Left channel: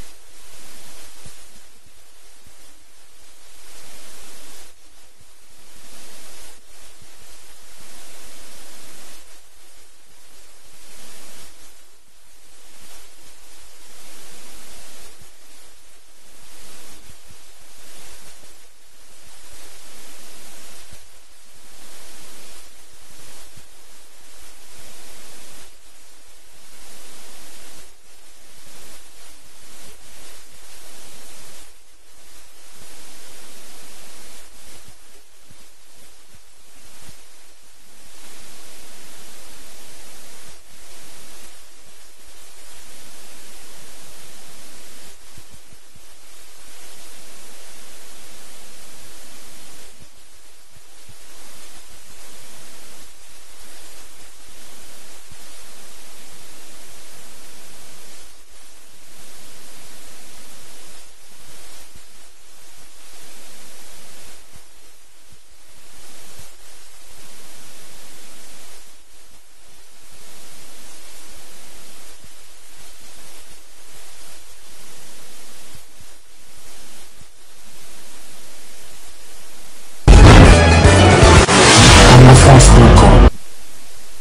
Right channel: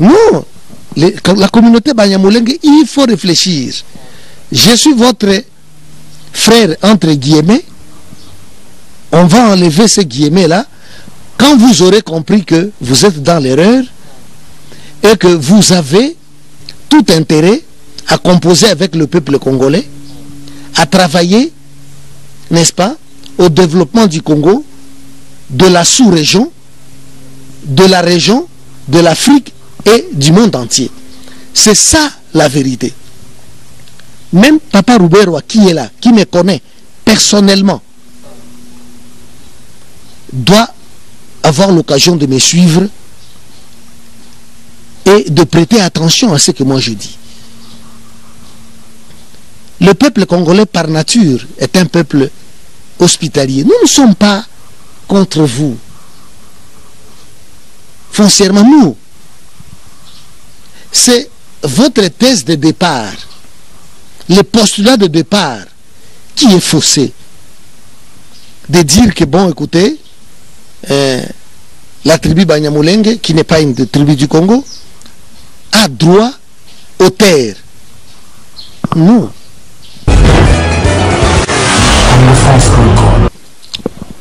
Non, la communauté Banyamulenge, il faut réfléchir. Je suis votre frère, entre guillemets. On va enlever ces guillemets-là. Quand vous aurez compris que vous êtes dans l'erreur et que vous avez tout intérêt à composer avec le peuple congolais, à travailler, n'est-ce pas, au développement du Congo, de la sous-région, de la région, de l'Afrique et du monde entier. C'est ça la vérité. Même Papa Rouberwa qui est là, qui me connaît personnellement, doit avoir l'occasion de me suivre et de prêter attention à ce que moi je dis. Le peuple congolais par nature est un peuple hospitalier. Nous ne sommes pas contre vous. Foncièrement, nous, c'est votre thèse de départ, le postulat de départ qui est faussé. De dire que, bon, écoutez, la tribu Banyamulenge, qui n'est pas une tribu du Congo, a droit aux terres. Non.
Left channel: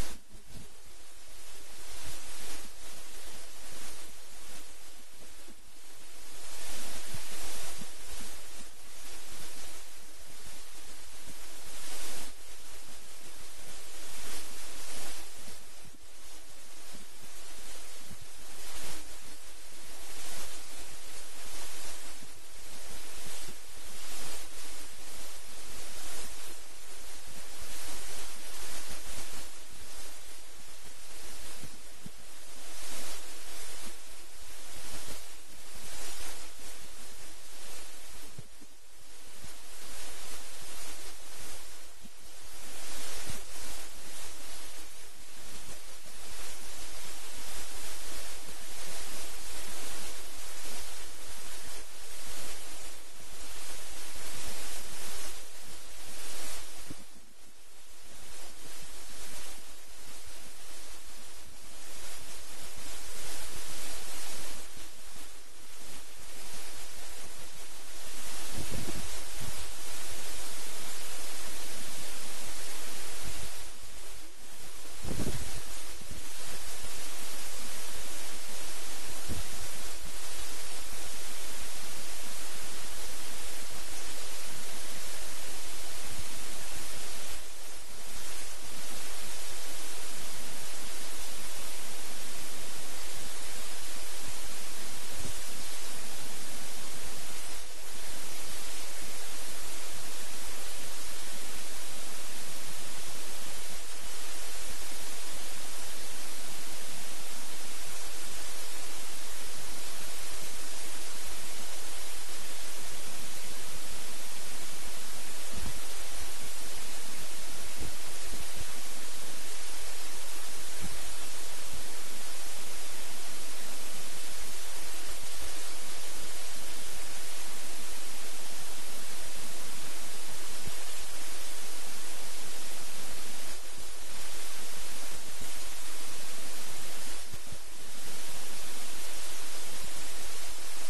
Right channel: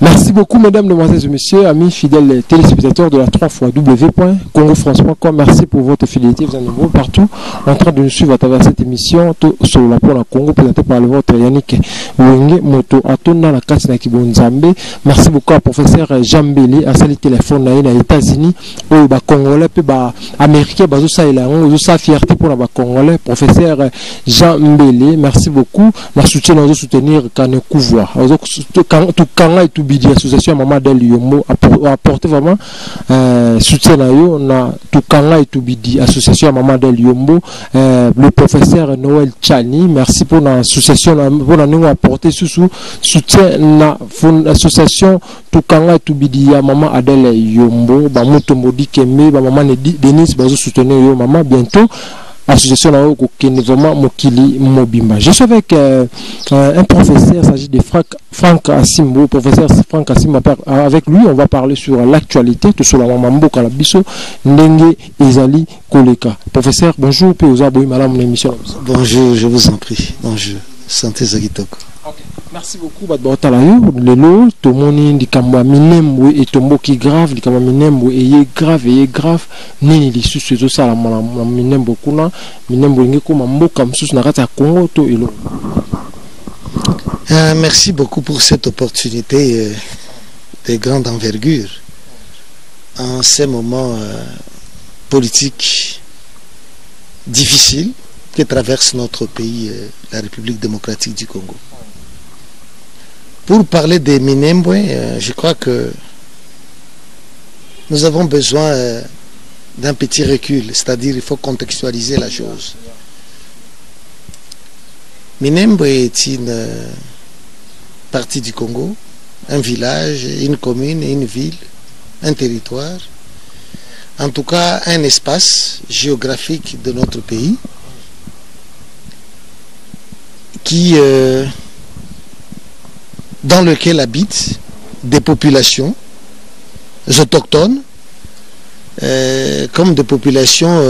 Merci beaucoup, mesdames, demoiselles et messieurs, amis fidèles téléspectateurs de la 3xw.congofrance.com. Merci pour votre fidélité. Vous êtes nombreux partout en train de nous suivre à travers cette émission sur la Pôle Congo, présentée par le vôtre Yannick Wenge Moto Atona la Katina Kibonzambe. Merci beaucoup à professeur Jean Mbele à salut téléphone aux États-Unis, aux Congolais, puis Américains, ça et là, on sa fierté pour les Congolais. Professeur Jean Mbele, merci beaucoup. La soutien nous soutenir quand nous couvrons. Tout quand et tout l'association Maman Del Yombo a apporté vraiment soutien à eux. On a tout Kanga et tout Bidi, association Maman Del Yombo, le professeur Noël Chani, merci pour l'association pour nous apporter soutien à l'association tout Kanga et tout Bidi à Maman Adel Yombo, Bamuto Modi Kembe, Maman Denis, Bazo soutenir yo Maman bientôt. Association là vraiment Mokili Mobimba. Je suis avec un professeur, il s'agit de Franck Asimbo, professeur Franck Asimbo. Avec lui, on va parler sur l'actualité, tout sur la Mambo Kalabiso, Ndenge Ezali Koleka. Professeur, bonjour, puis vous avez madame mon émission. Bonjour, je vous en prie. Bonjour, santé Zagitoko. Merci beaucoup, Badbaotalayo. Lelo, Tomoni, Dikamba Minembo et Tomboki grave, Dikamba Minembo et grave, Nini, les sous, c'est ça, la Minembo Kuna, Minembo Ngeko, Mambo, comme sous Narata Congo, to Elo. Merci beaucoup pour cette opportunité de grande envergure en ces moments politiques difficiles que traverse notre pays, la République démocratique du Congo. Pour parler des Minembwe, je crois que nous avons besoin d'un petit recul, c'est-à-dire il faut contextualiser la chose. Minembwe est une partie du Congo, un village, une commune, une ville, un territoire, en tout cas un espace géographique de notre pays qui... dans lequel habitent des populations autochtones comme des populations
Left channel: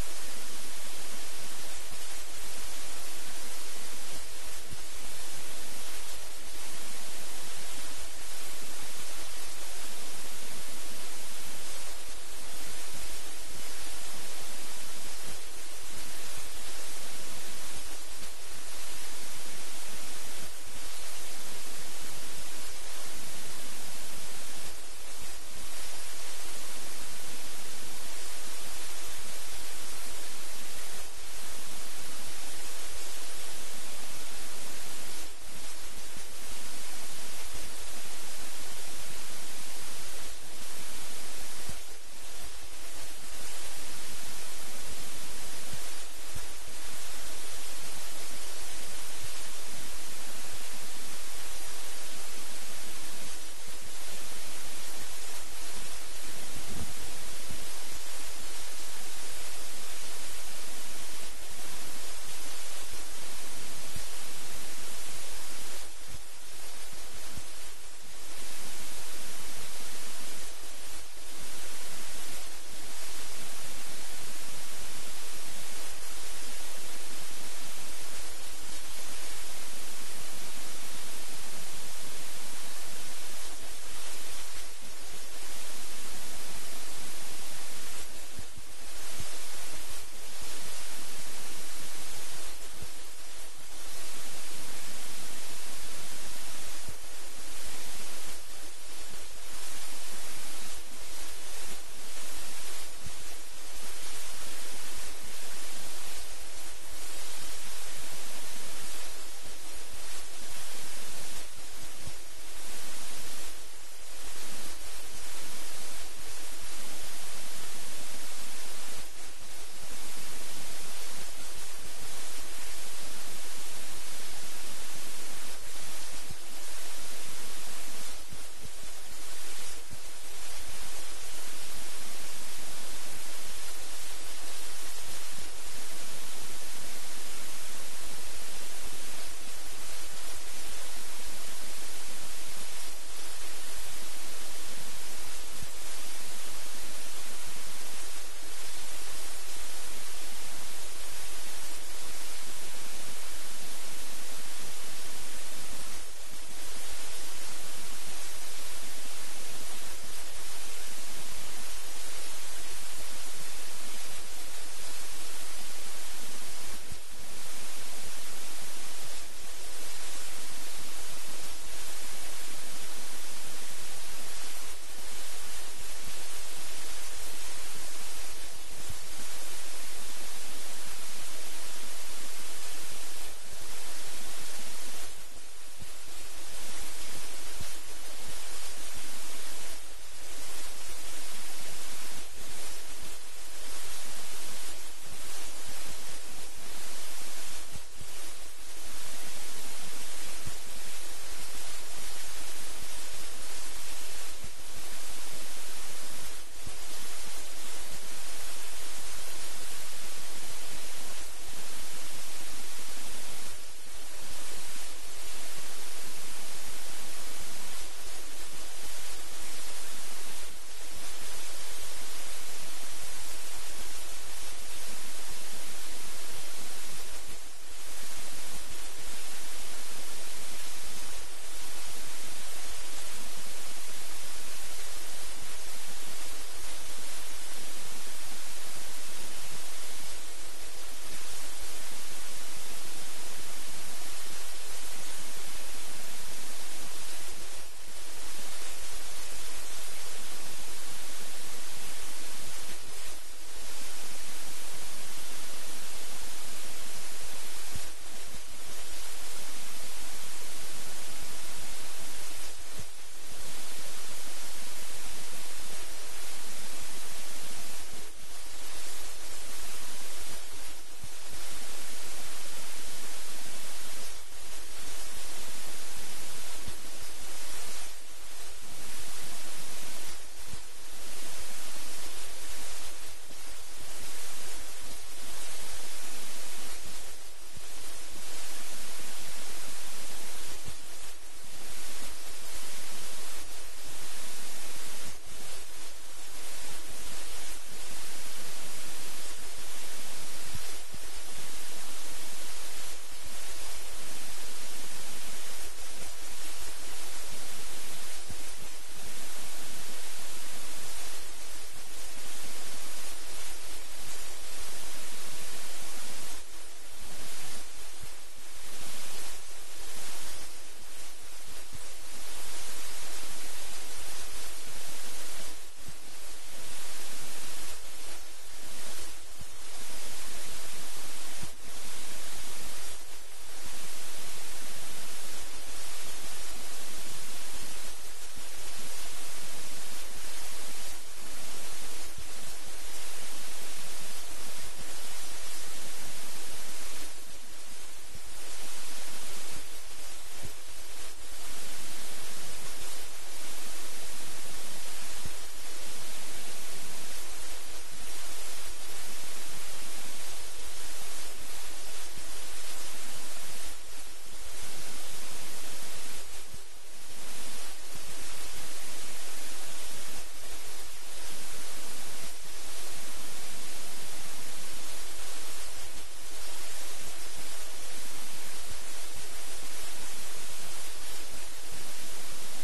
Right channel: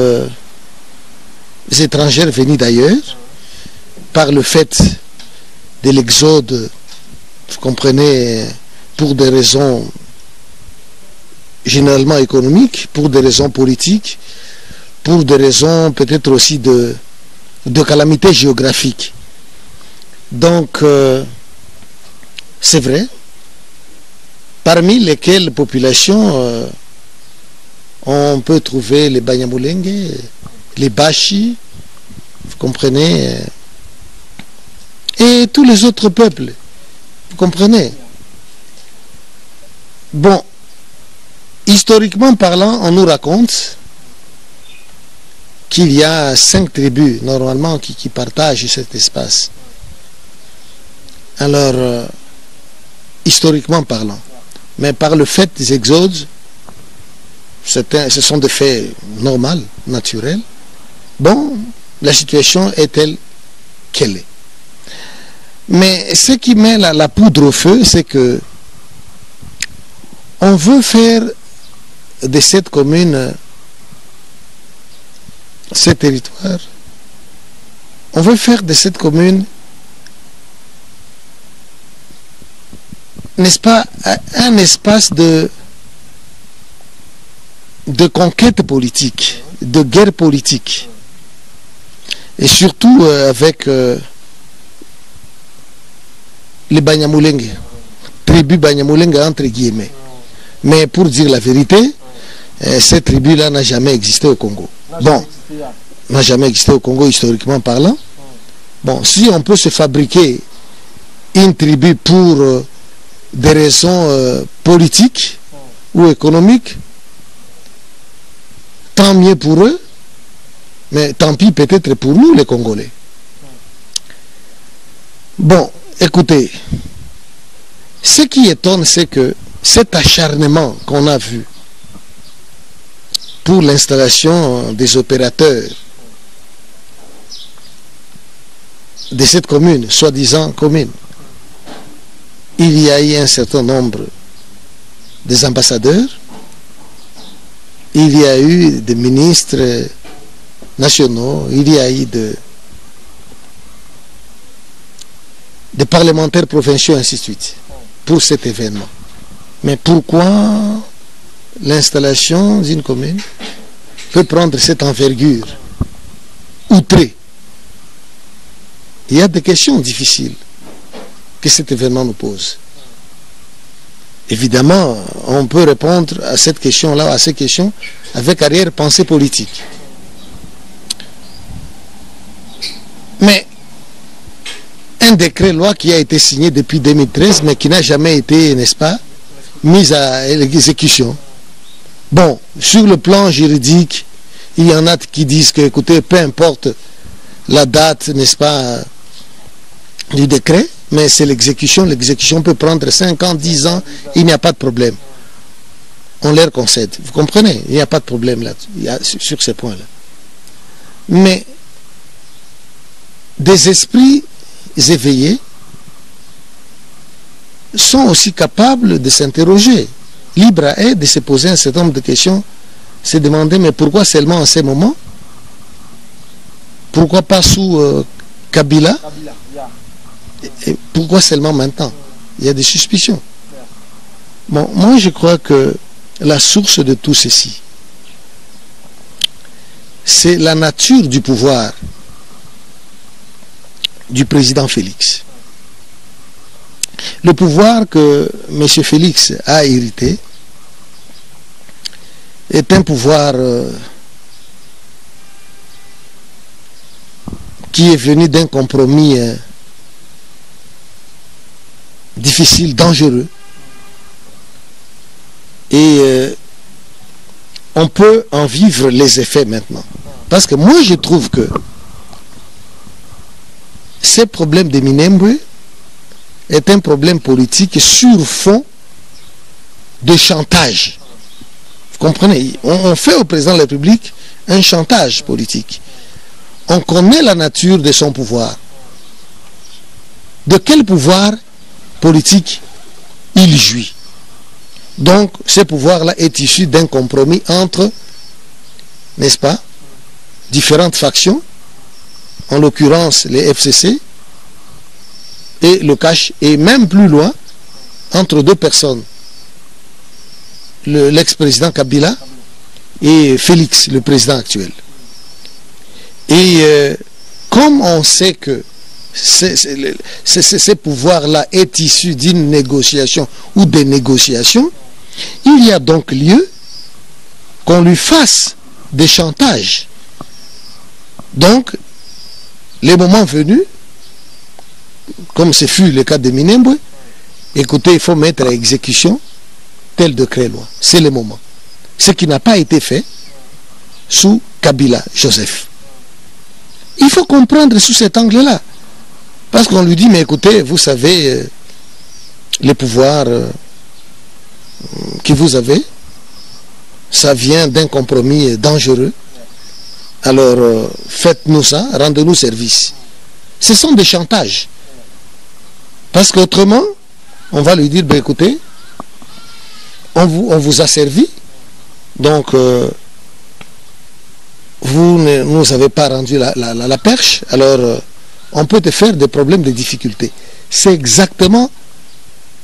étrangères venues d'ailleurs par le fait de l'exode, vous comprenez, pour des raisons généralement économiques, pour des raisons politiques, pour des raisons peut-être aussi de calamités géographiques. Donc c'est vrai, parmi lesquelles populations on peut trouver les Banyamulenge, les Bashi, vous comprenez, et tous les autres peuples, vous comprenez. Bon, historiquement parlant, on nous raconte qu'il y a 5 tribus normalement qui partagent cet espace. Alors, historiquement parlant, mais par le fait des exodes, ce sont des faits normaux, naturels. Bon, la situation est telle qu'elle est. Mais ce qui met la poudre au feu, c'est que on veut faire de cette commune ces territoires, on veut faire de cette commune, n'est-ce pas, un espace de conquête politique, de guerre politique. Et surtout avec les Banyamulenge, tribu Banyamulenge entre guillemets. Mais pour dire la vérité, cette tribu-là n'a jamais existé au Congo. Bon, n'a jamais existé au Congo historiquement parlant. Bon, si on peut se fabriquer une tribu pour des raisons politiques ou économiques, tant mieux pour eux, mais tant pis peut-être pour nous les Congolais. Bon, écoutez, ce qui étonne, c'est que cet acharnement qu'on a vu pour l'installation des opérateurs de cette commune, soi-disant commune, il y a eu un certain nombre des ambassadeurs, il y a eu des ministres nationaux, il y a eu des parlementaires provinciaux, ainsi de suite, pour cet événement. Mais pourquoi l'installation d'une commune peut prendre cette envergure outrée? Il y a des questions difficiles que cet événement nous pose. Évidemment, on peut répondre à cette question-là, à ces questions, avec arrière-pensée politique. Mais un décret-loi qui a été signé depuis 2013, mais qui n'a jamais été, n'est-ce pas, mis à l'exécution. Bon, sur le plan juridique, il y en a qui disent que, écoutez, peu importe la date, n'est-ce pas, du décret, mais c'est l'exécution. L'exécution peut prendre 5 ans, 10 ans, il n'y a pas de problème. On leur concède. Vous comprenez? Il n'y a pas de problème là, sur ces points-là. Mais des esprits éveillés sont aussi capables de s'interroger, libres à eux de se poser un certain nombre de questions, se demander mais pourquoi seulement en ces moments? Pourquoi pas sous Kabila? Et pourquoi seulement maintenant? Il y a des suspicions. Bon, moi je crois que la source de tout ceci, c'est la nature du pouvoir du président Félix. Le pouvoir que M. Félix a hérité est un pouvoir qui est venu d'un compromis difficile, dangereux. Et on peut en vivre les effets maintenant. Parce que moi je trouve que ce problème de Minembwe est un problème politique sur fond de chantage. Vous comprenez? On fait au président de la République un chantage politique. On connaît la nature de son pouvoir. De quel pouvoir politique il jouit? Donc, ce pouvoir-là est issu d'un compromis entre, n'est-ce pas, différentes factions, en l'occurrence les FCC et le CACH, et même plus loin, entre deux personnes, l'ex-président Kabila et Félix, le président actuel. Et comme on sait que ce pouvoir-là est issu d'une négociation ou des négociations, il y a donc lieu qu'on lui fasse des chantages. Donc, les moments venus, comme ce fut le cas de Minembwe, écoutez, il faut mettre à exécution tel décret-loi. C'est le moment. Ce qui n'a pas été fait sous Kabila Joseph. Il faut comprendre sous cet angle-là. Parce qu'on lui dit, mais écoutez, vous savez, les pouvoirs que vous avez, ça vient d'un compromis dangereux. Alors, faites-nous ça, rendez-nous service. Ce sont des chantages. Parce qu'autrement, on va lui dire, ben écoutez, on vous a servi, donc vous ne nous avez pas rendu la perche, alors on peut te faire des problèmes de difficultés. C'est exactement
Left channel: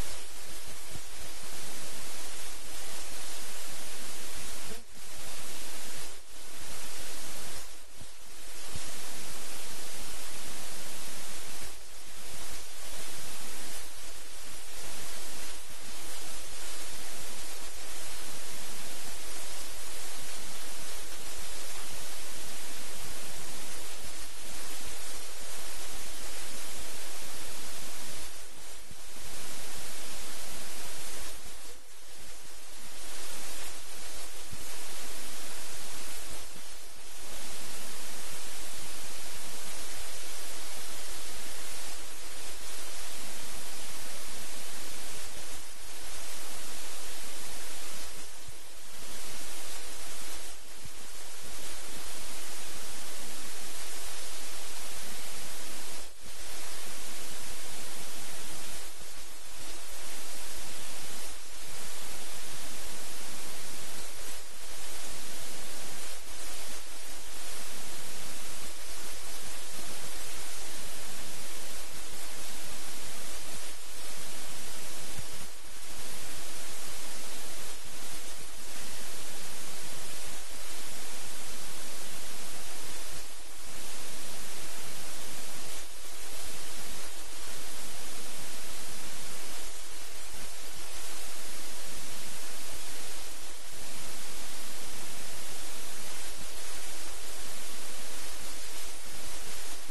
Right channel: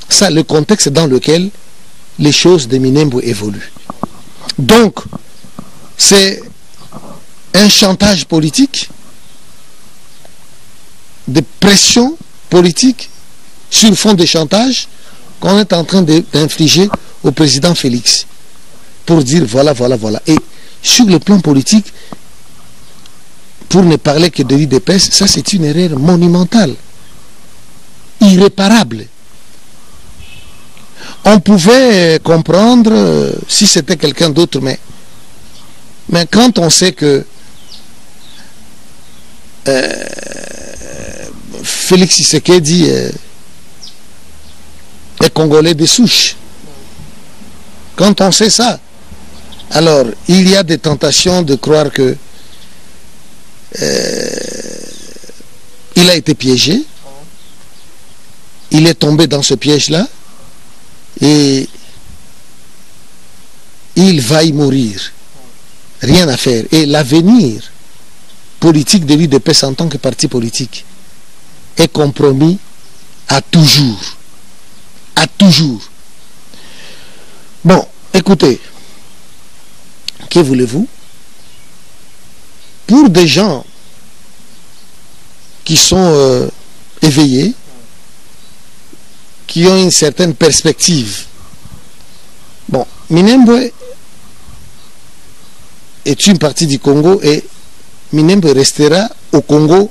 ça le contexte dans lequel les choses de Minembwe évoluent. Donc, c'est un chantage politique, de pression politique sur fond de chantage qu'on est en train d'infliger au président Félix pour dire voilà, voilà, voilà. Et sur le plan politique, pour ne parler que de l'UDPS, ça c'est une erreur monumentale, irréparable. On pouvait comprendre si c'était quelqu'un d'autre, mais quand on sait que Félix Tshisekedi est congolais de souche, quand on sait ça, alors il y a des tentations de croire que il a été piégé, il est tombé dans ce piège-là et il va y mourir. Rien à faire. Et l'avenir politique de l'UDPS en tant que parti politique est compromis à toujours. À toujours. Bon, écoutez, que voulez-vous? Pour des gens qui sont éveillés, qui ont une certaine perspective, bon, Minembwe est une partie du Congo et Minembwe restera au Congo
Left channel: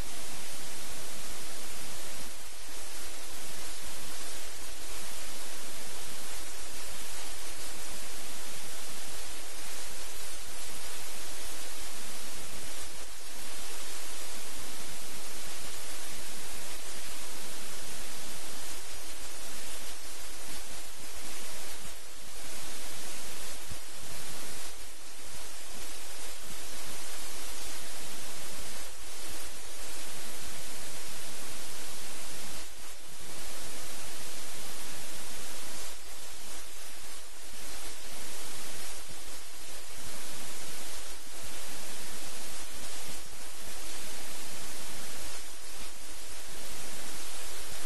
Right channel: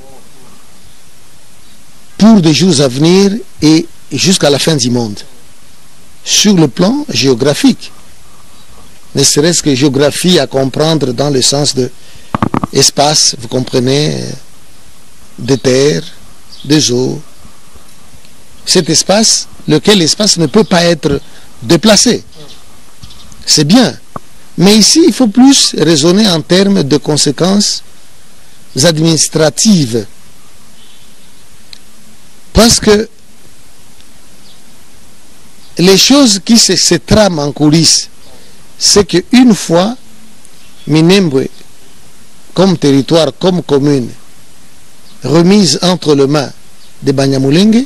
pour des jours à venir et jusqu'à la fin du monde. Sur le plan géographique, ne serait-ce que géographie à comprendre dans le sens de espace, vous comprenez, de terre, des eaux. Cet espace, lequel espace ne peut pas être déplacé. C'est bien. Mais ici, il faut plus raisonner en termes de conséquences administratives. Parce que les choses qui se trament en coulisses, c'est qu'une fois Minembwe, comme territoire, comme commune, remise entre les mains des Banyamulenge,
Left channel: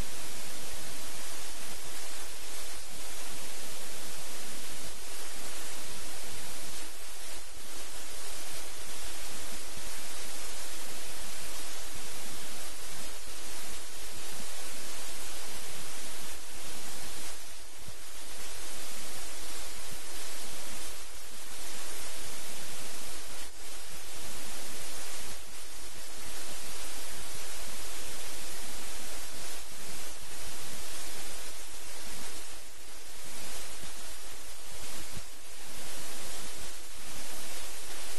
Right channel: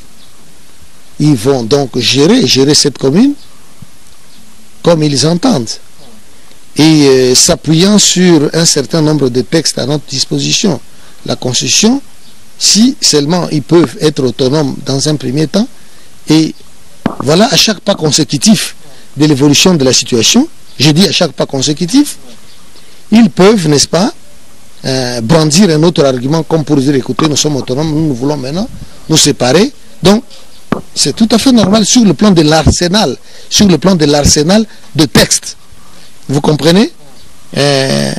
ils vont donc gérer cette commune comme ils entendent. Et s'appuyant sur un certain nombre de textes à notre disposition, la Constitution, si seulement ils peuvent être autonomes dans un premier temps, et voilà, à chaque pas consécutif de l'évolution de la situation, je dis à chaque pas consécutif, ils peuvent, n'est-ce pas, brandir un autre argument comme pour dire, écoutez, nous sommes autonomes, nous voulons maintenant nous séparer. Donc, c'est tout à fait normal sur le plan de l'arsenal, de textes. Vous comprenez, à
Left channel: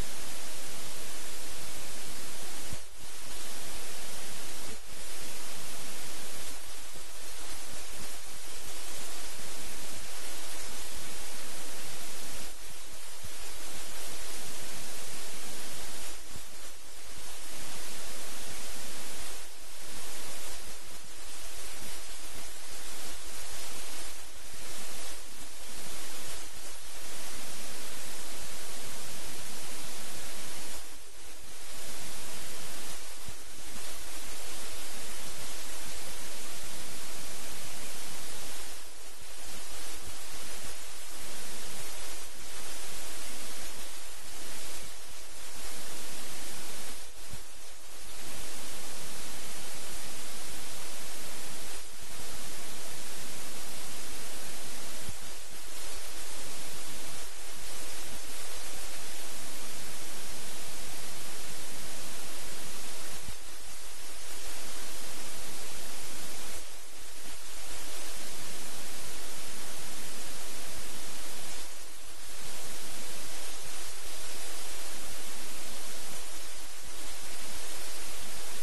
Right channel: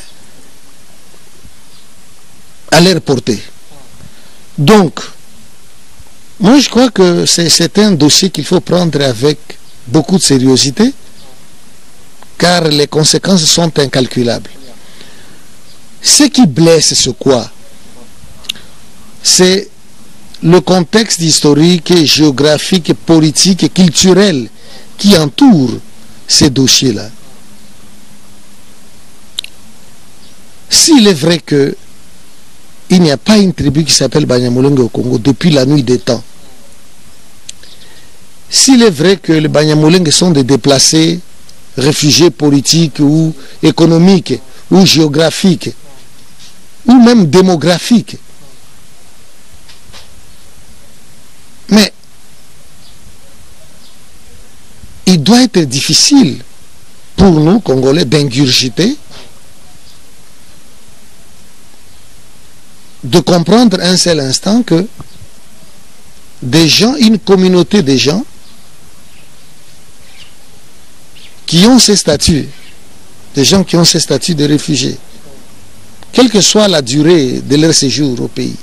leur portée. Donc, moi je crois que c'est un dossier qu'il faut prendre avec beaucoup de sérieuxité, car les conséquences sont incalculables. Ce qui blesse, c'est quoi? C'est le contexte historique, géographique, politique et culturel qui entoure ces dossiers-là. S'il est vrai que il n'y a pas une tribu qui s'appelle Banyamulenge au Congo depuis la nuit des temps, s'il est vrai que les Banyamulenge sont des déplacés, réfugiés politiques ou économiques ou géographiques ou même démographiques, mais il doit être difficile pour nous, Congolais, d'ingurgiter, de comprendre un seul instant que des gens, une communauté de gens qui ont ces statuts, des gens qui ont ces statuts de réfugiés, quelle que soit la durée de leur séjour au pays,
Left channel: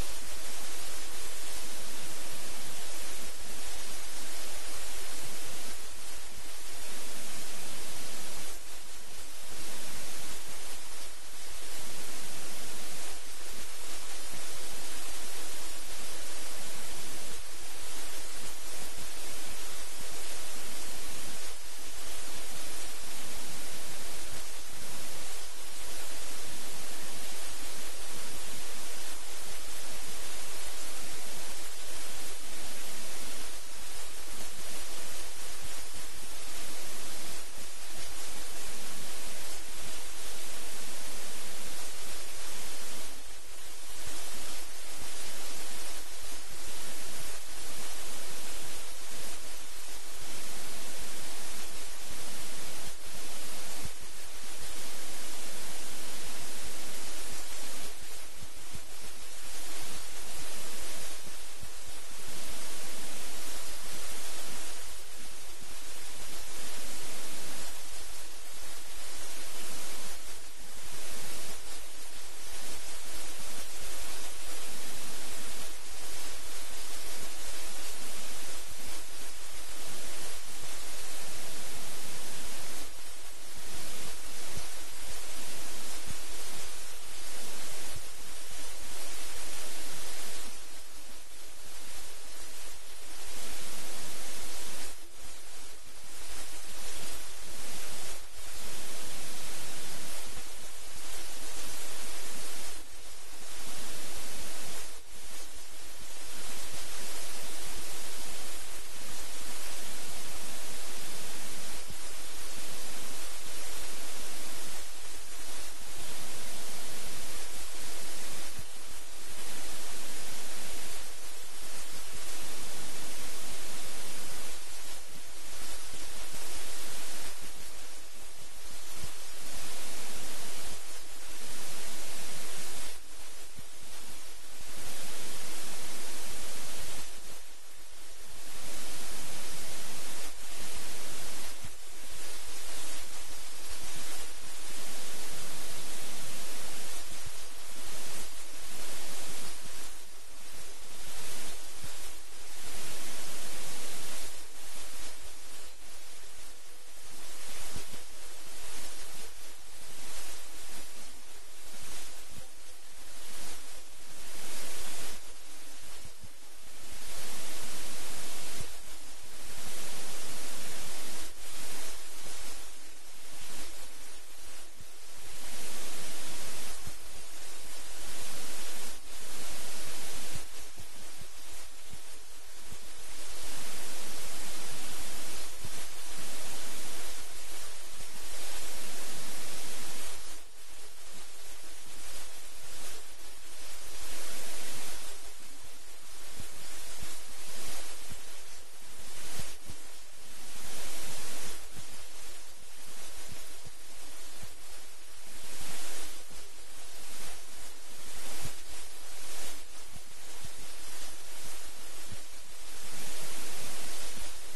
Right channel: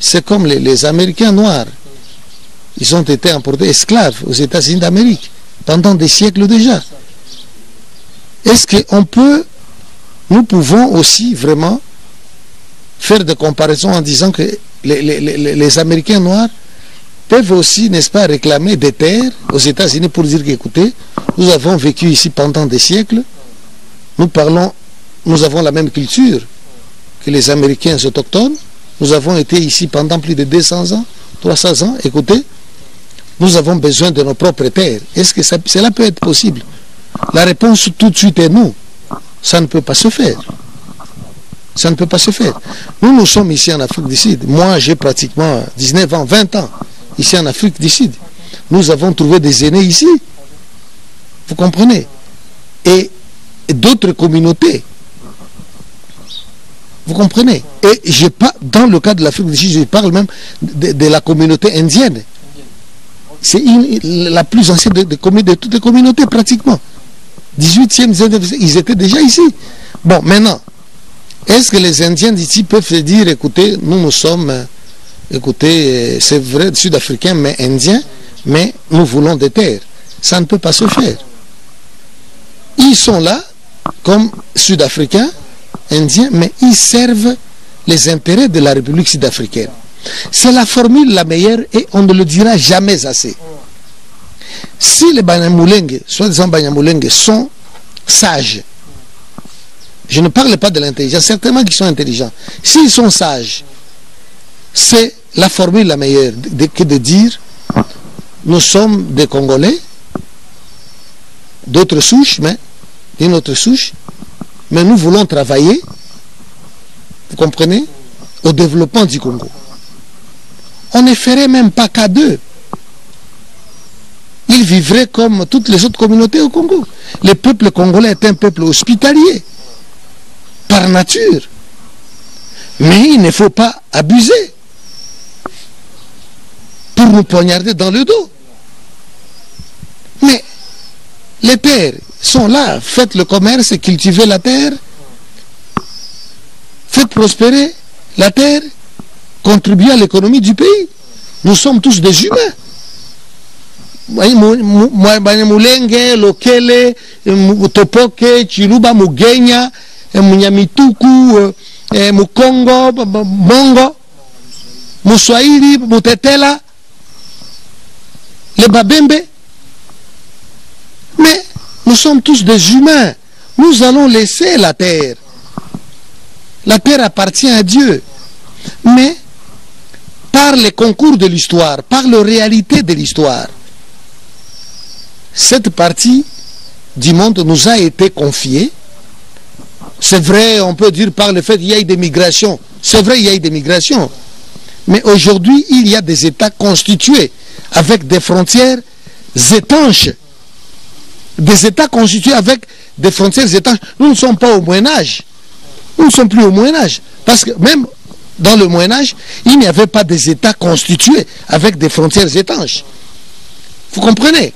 c'est comme les Américains noirs. Ils ont été importés esclaves aux États-Unis d'Amérique pendant des siècles déjà. Est-ce qu'on peut, nous pouvons aussi vraiment faire des comparaisons en disant que les Américains noirs peuvent aussi, n'est-ce pas, réclamer des terres aux États-Unis pour dire qu'écoutez, nous avons vécu ici pendant des siècles, nous avons la même culture, que les Américains autochtones. Nous avons été ici pendant plus de 200 ans, 300 ans. Écoutez, nous avons besoin de nos propres terres. Est-ce que cela peut être possible? La réponse tout de suite est non. Ça ne peut pas se faire. Ça ne peut pas se faire. Nous sommes ici en Afrique du Sud. Moi, j'ai pratiquement 19 ans, 20 ans ici en Afrique du Sud. Nous avons trouvé des aînés ici. Vous comprenez? Et d'autres communautés. Vous comprenez? Et dans le cas de l'Afrique du Sud, je parle même de la communauté indienne. C'est la plus ancienne de toutes les communautés, pratiquement. 18e, 19e, ils étaient déjà ici. Bon, maintenant, est-ce que les Indiens d'ici peuvent se dire, écoutez, nous sommes, écoutez, c'est vrai, sud-africains, mais indiens, mais nous voulons des terres. Ça ne peut pas se faire. Ils sont là, comme sud-africains, indiens, mais ils servent les intérêts de la République sud-africaine. C'est la formule la meilleure et on ne le dira jamais assez. Si les Banyamulenge, soi-disant Banyamulenge, sont sages, je ne parle pas de l'intelligence, certainement qu'ils sont intelligents. S'ils sont sages, c'est la formule la meilleure que de dire nous sommes des Congolais, d'autres souches, mais d'une autre souche, mais nous voulons travailler, vous comprenez, au développement du Congo. On ne ferait même pas qu'à deux. Ils vivraient comme toutes les autres communautés au Congo. Le peuple congolais est un peuple hospitalier, par nature. Mais il ne faut pas abuser pour nous poignarder dans le dos. Mais les terres sont là, faites le commerce, cultivez la terre, faites prospérer la terre, contribuez à l'économie du pays. Nous sommes tous des humains. Banyamulenge, Lokele, Topoke, Chiluba, Mugenya, Munyamituku, Mukongo, Bongo, Muswahili, Mutetela, les Babembe. Mais nous sommes tous des humains. Nous allons laisser la terre. La terre appartient à Dieu. Mais par les concours de l'histoire, par la réalité de l'histoire, cette partie du monde nous a été confiée. C'est vrai, on peut dire par le fait qu'il y a eu des migrations. C'est vrai, il y a eu des migrations. Mais aujourd'hui, il y a des États constitués avec des frontières étanches. Des États constitués avec des frontières étanches. Nous ne sommes pas au Moyen-Âge. Nous ne sommes plus au Moyen-Âge. Parce que même dans le Moyen-Âge, il n'y avait pas des États constitués avec des frontières étanches. Vous comprenez?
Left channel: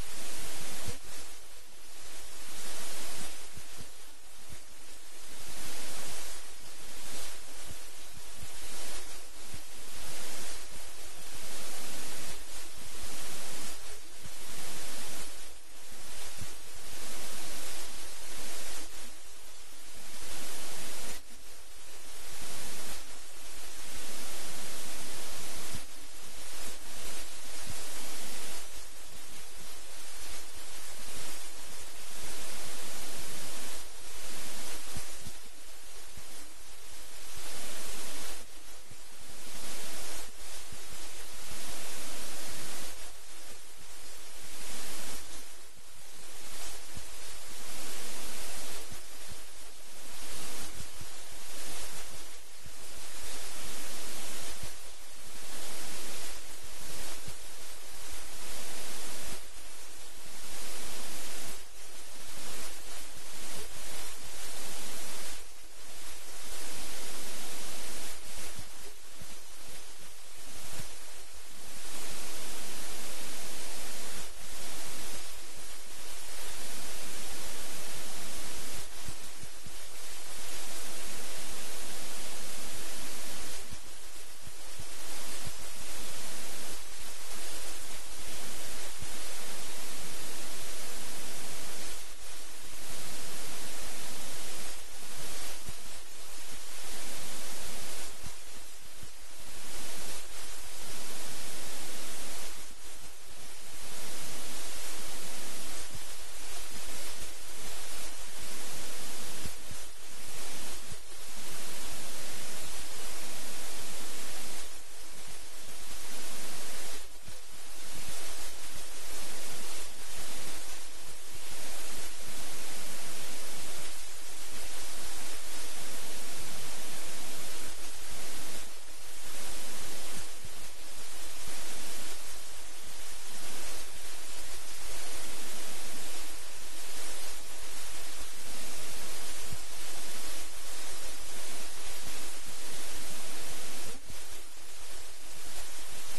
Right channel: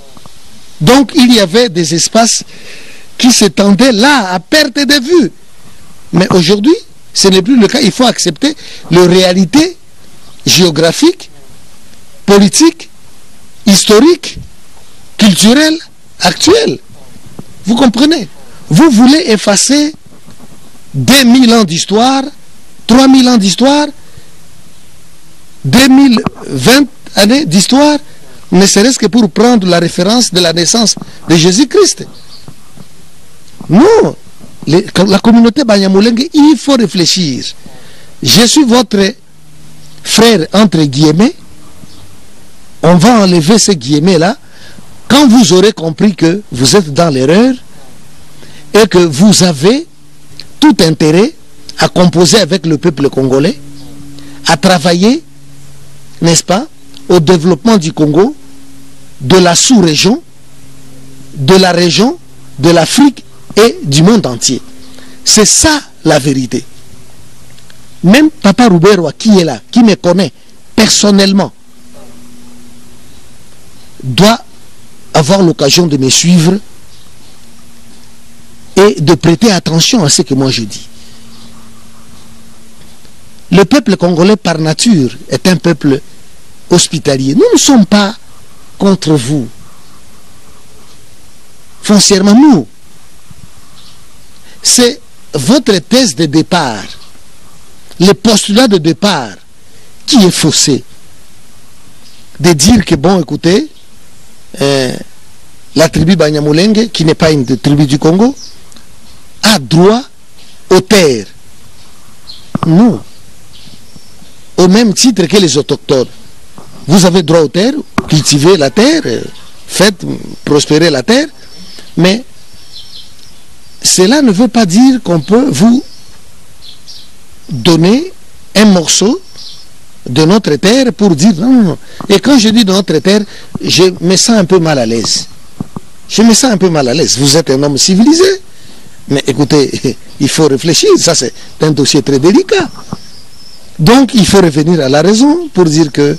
Donc il y avait des espaces qui s'étendaient là, à perte de vue. Mais aujourd'hui, ce n'est plus le cas. Il faut accepter les réalités géographiques, politiques, historiques, culturelles, actuelles. Vous comprenez? Vous voulez effacer 2000 ans d'histoire, 3000 ans d'histoire, 2020 années d'histoire, ne serait-ce que pour prendre la référence de la naissance de Jésus-Christ. Non, la communauté Banyamulenge, il faut réfléchir. Je suis votre frère, entre guillemets. On va enlever ces guillemets-là. Quand vous aurez compris que vous êtes dans l'erreur et que vous avez tout intérêt à composer avec le peuple congolais, à travailler, n'est-ce pas, au développement du Congo, de la sous-région, de la région, de l'Afrique et du monde entier. C'est ça la vérité. Même Papa Rouberwa qui est là, qui me connaît personnellement, doit avoir l'occasion de me suivre et de prêter attention à ce que moi je dis. Le peuple congolais par nature est un peuple hospitalier. Nous ne sommes pas contre vous. Foncièrement, nous. C'est votre thèse de départ, le postulat de départ qui est faussé. De dire que, bon, écoutez, la tribu Banyamulenge, qui n'est pas une tribu du Congo, a droit aux terres. nous, au même titre que les autochtones, vous avez droit aux terres, cultivez la terre, faites prospérer la terre, mais cela ne veut pas dire qu'on peut vous donner un morceau de notre terre pour dire non, non, non. Et quand je dis de notre terre, je me sens un peu mal à l'aise. Je me sens un peu mal à l'aise. Vous êtes un homme civilisé. Mais écoutez, il faut réfléchir. Ça, c'est un dossier très délicat. Donc, il faut revenir à la raison pour dire que,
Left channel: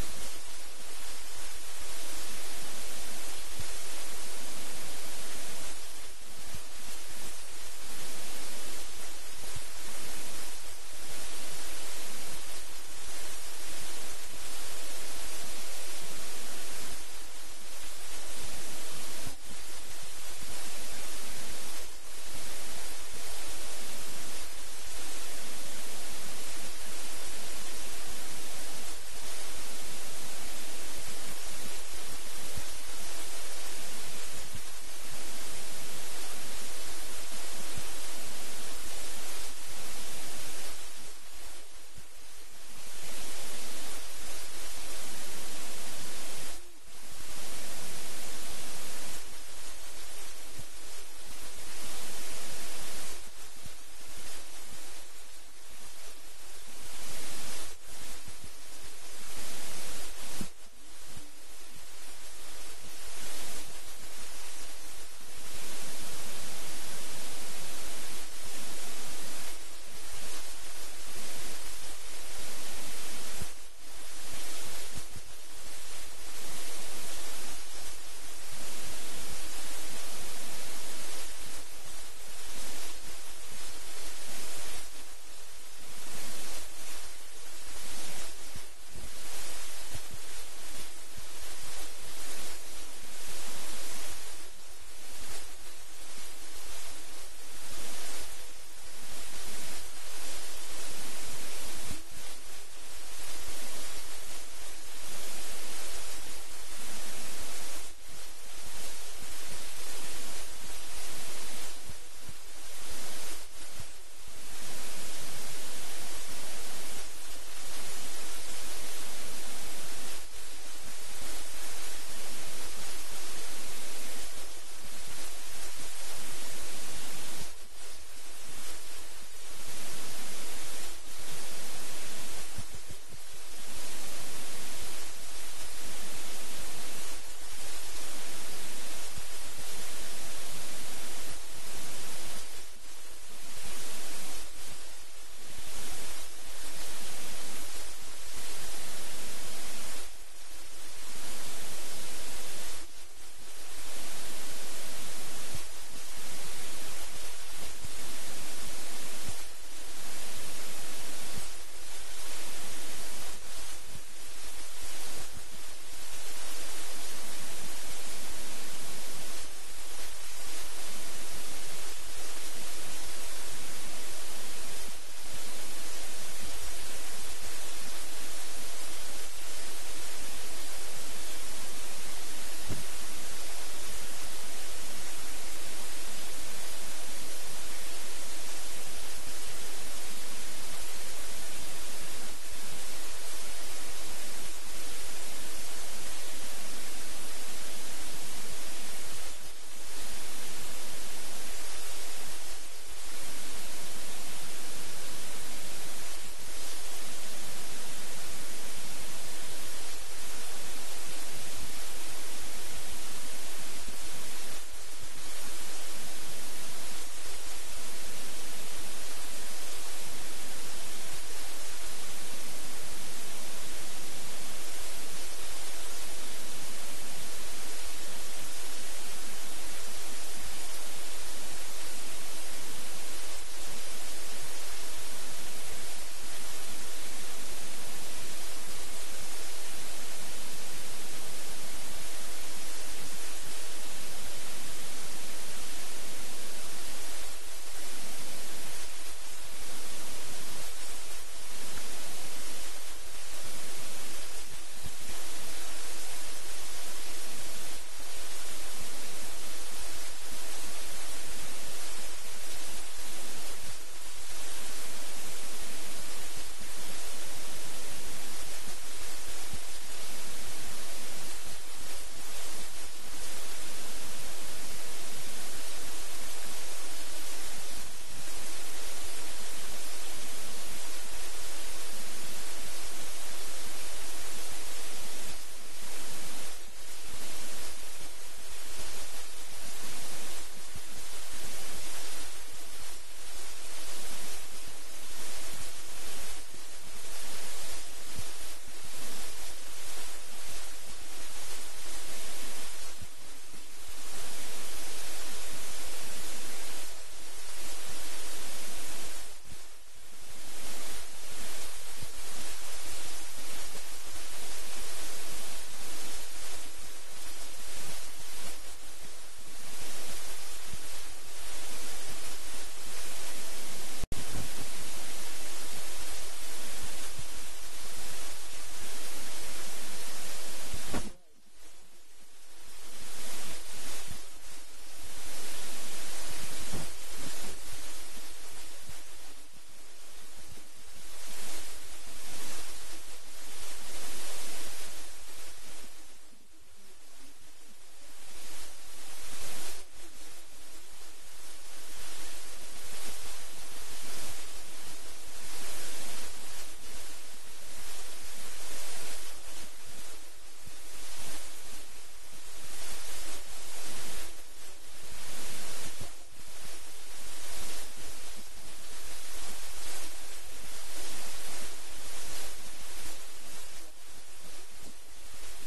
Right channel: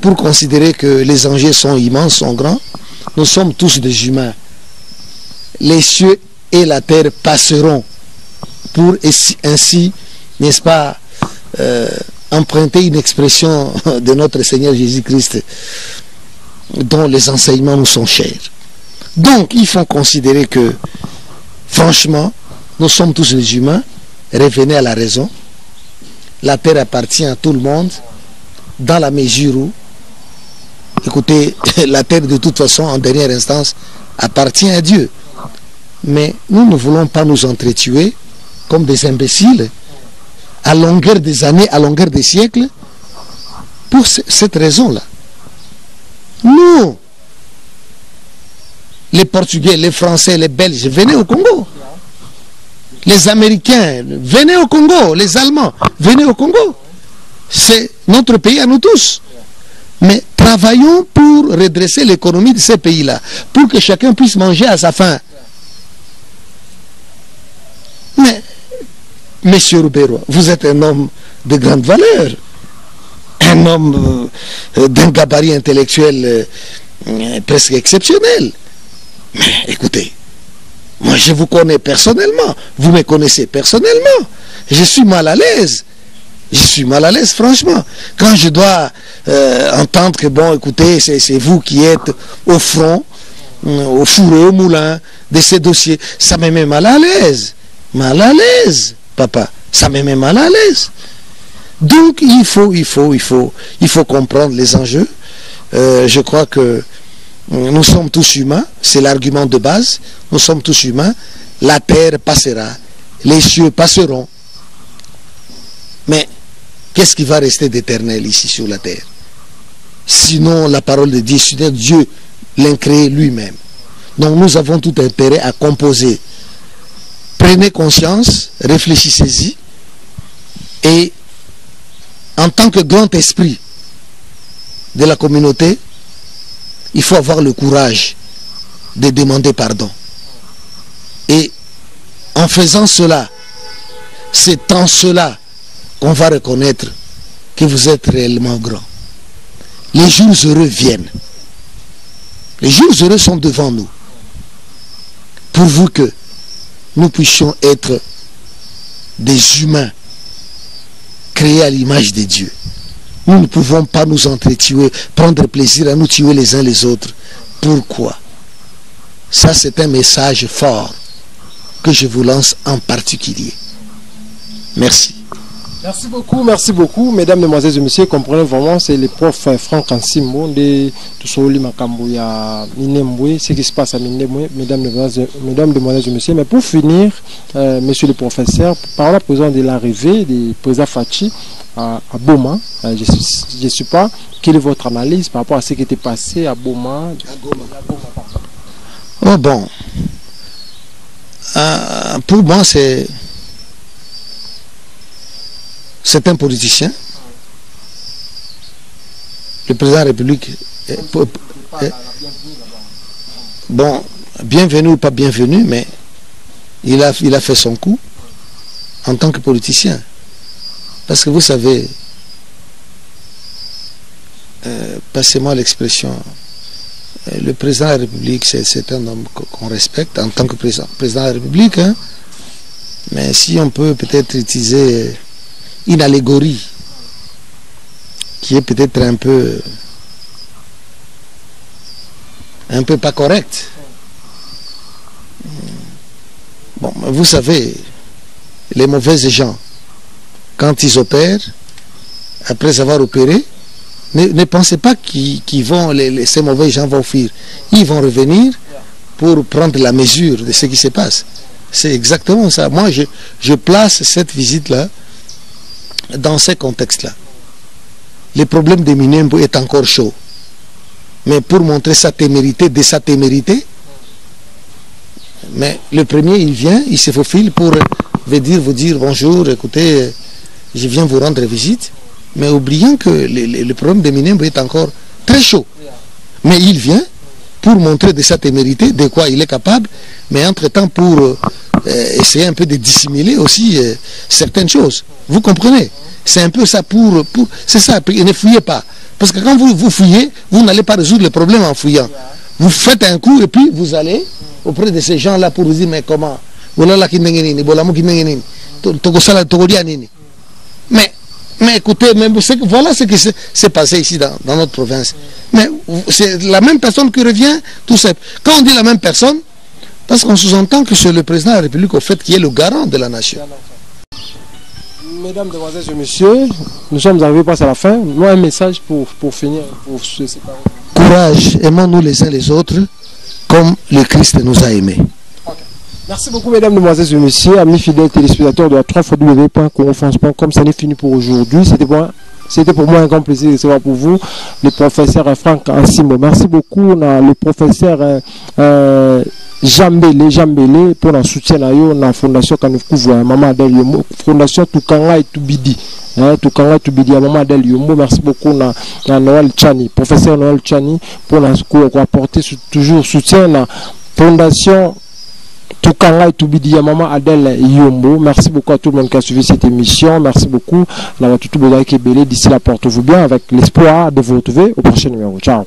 pour considérer que les enjeux sont immenses, sont grands, nous sommes tous des humains. Les cieux et la terre passeront pour ainsi, n'est-ce pas, emprunter une expression de notre Seigneur Jésus-Christ dont les enseignements nous sont chers. Donc, il faut considérer que, franchement, nous sommes tous des humains. Revenez à la raison. La terre appartient à tout le monde dans la mesure où, écoutez, la terre de toute façon, en dernière instance, appartient à Dieu. Mais nous ne voulons pas nous entretuer comme des imbéciles à longueur des années, à longueur des siècles, pour cette raison-là. Nous, les Portugais, les Français, les Belges, venez au Congo. Les Américains, venez au Congo. Les Allemands, venez au Congo. C'est notre pays à nous tous. Mais travaillons pour redresser l'économie de ces pays-là, pour que chacun puisse manger à sa faim. Mais, Monsieur Rubero, vous êtes un homme de grande valeur, un homme d'un gabarit intellectuel presque exceptionnel. Mais écoutez, moi je vous connais personnellement, vous me connaissez personnellement, je suis mal à l'aise. Je suis mal à l'aise, franchement. Quand je dois entendre que, bon, écoutez, c'est vous qui êtes au front, au four et au moulin de ces dossiers, ça me met mal à l'aise. Mal à l'aise, papa. Ça me met mal à l'aise. Donc, il faut comprendre les enjeux. Je crois que nous sommes tous humains. C'est l'argument de base. Nous sommes tous humains. La terre passera. Les cieux passeront. Mais qu'est-ce qui va rester d'éternel ici sur la terre? Sinon la parole de Dieu, sinon Dieu l'a créé lui-même. Donc nous avons tout intérêt à composer. Prenez conscience, réfléchissez-y, et en tant que grand esprit de la communauté, il faut avoir le courage de demander pardon. Et en faisant cela, c'est en cela qu'on va reconnaître que vous êtes réellement grand. Les jours heureux viennent. Les jours heureux sont devant nous. Pourvu que nous puissions être des humains créés à l'image de Dieu. Nous ne pouvons pas nous entretuer, prendre plaisir à nous tuer les uns les autres. Pourquoi? Ça, c'est un message fort que je vous lance en particulier. Merci. Merci beaucoup, mesdames, mesdemoiselles et messieurs. Comprenez vraiment, c'est le prof Franck Ansimbo de Toussouli Makambuya Minembwe, ce qui se passe à Minembwe, mesdames, mesdemoiselles et messieurs. Mais pour finir, monsieur le professeur, par la présence de l'arrivée du président Fachi à Boma, je ne sais pas, quelle est votre analyse par rapport à ce qui était passé à Boma? Oh bon, pour moi c'est un politicien. Le président de la République bon, bienvenu ou pas bienvenu, mais il a fait son coup en tant que politicien. Parce que vous savez, passez-moi l'expression, le président de la République, c'est un homme qu'on respecte en tant que président de la République, hein? Mais si on peut peut-être utiliser une allégorie qui est peut-être un peu pas correcte. Bon, vous savez, les mauvais gens, quand ils opèrent, après avoir opéré, ne pensez pas ces mauvais gens vont fuir. Ils vont revenir pour prendre la mesure de ce qui se passe. C'est exactement ça. Moi, je place cette visite-là dans ces contextes-là, le problème de Minembwe est encore chaud. Mais pour montrer sa témérité, de sa témérité, mais le premier, il vient, il se faufile pour vous dire bonjour, écoutez, je viens vous rendre visite, mais oubliant que le problème de Minembwe est encore très chaud. Mais il vient pour montrer de sa témérité, de quoi il est capable, mais entre-temps pour essayer un peu de dissimuler aussi certaines choses. Vous comprenez? C'est un peu ça c'est ça, ne fouillez pas. Parce que quand vous fouillez, vous n'allez pas résoudre le problème en fouillant. Vous faites un coup et puis vous allez auprès de ces gens-là pour vous dire, mais comment? Mais écoutez, voilà ce qui s'est passé ici dans notre province. Mais c'est la même personne qui revient, tout ça. Quand on dit la même personne, parce qu'on sous-entend que c'est le président de la République au fait qui est le garant de la nation. Mesdames, demoiselles et messieurs, nous sommes arrivés à la fin. Nous avons un message pour finir, pour se séparer. Courage, aimons-nous les uns les autres comme le Christ nous a aimés. Merci beaucoup, mesdames, demoiselles et messieurs, amis fidèles téléspectateurs de la 3w.congofrance.com. Ça n'est fini pour aujourd'hui. C'était pour moi un grand plaisir de recevoir pour vous le professeur Franck Ansimo. Merci beaucoup, le professeur Jambele pour le soutien à la fondation Kanoukouvou, Maman Adèle Yombo, fondation Tukanga et Tubidi. Tukanga et Tubidi, Maman Adèle Yombo. Merci beaucoup à Noël Chani, professeur Noël Chani, pour apporter toujours soutien à la fondation Tukanga et Tubidi, Maman Adèle Yombo. Merci beaucoup à tout le monde qui a suivi cette émission. Merci beaucoup. D'ici là, portez-vous bien avec l'espoir de vous retrouver au prochain numéro. Ciao.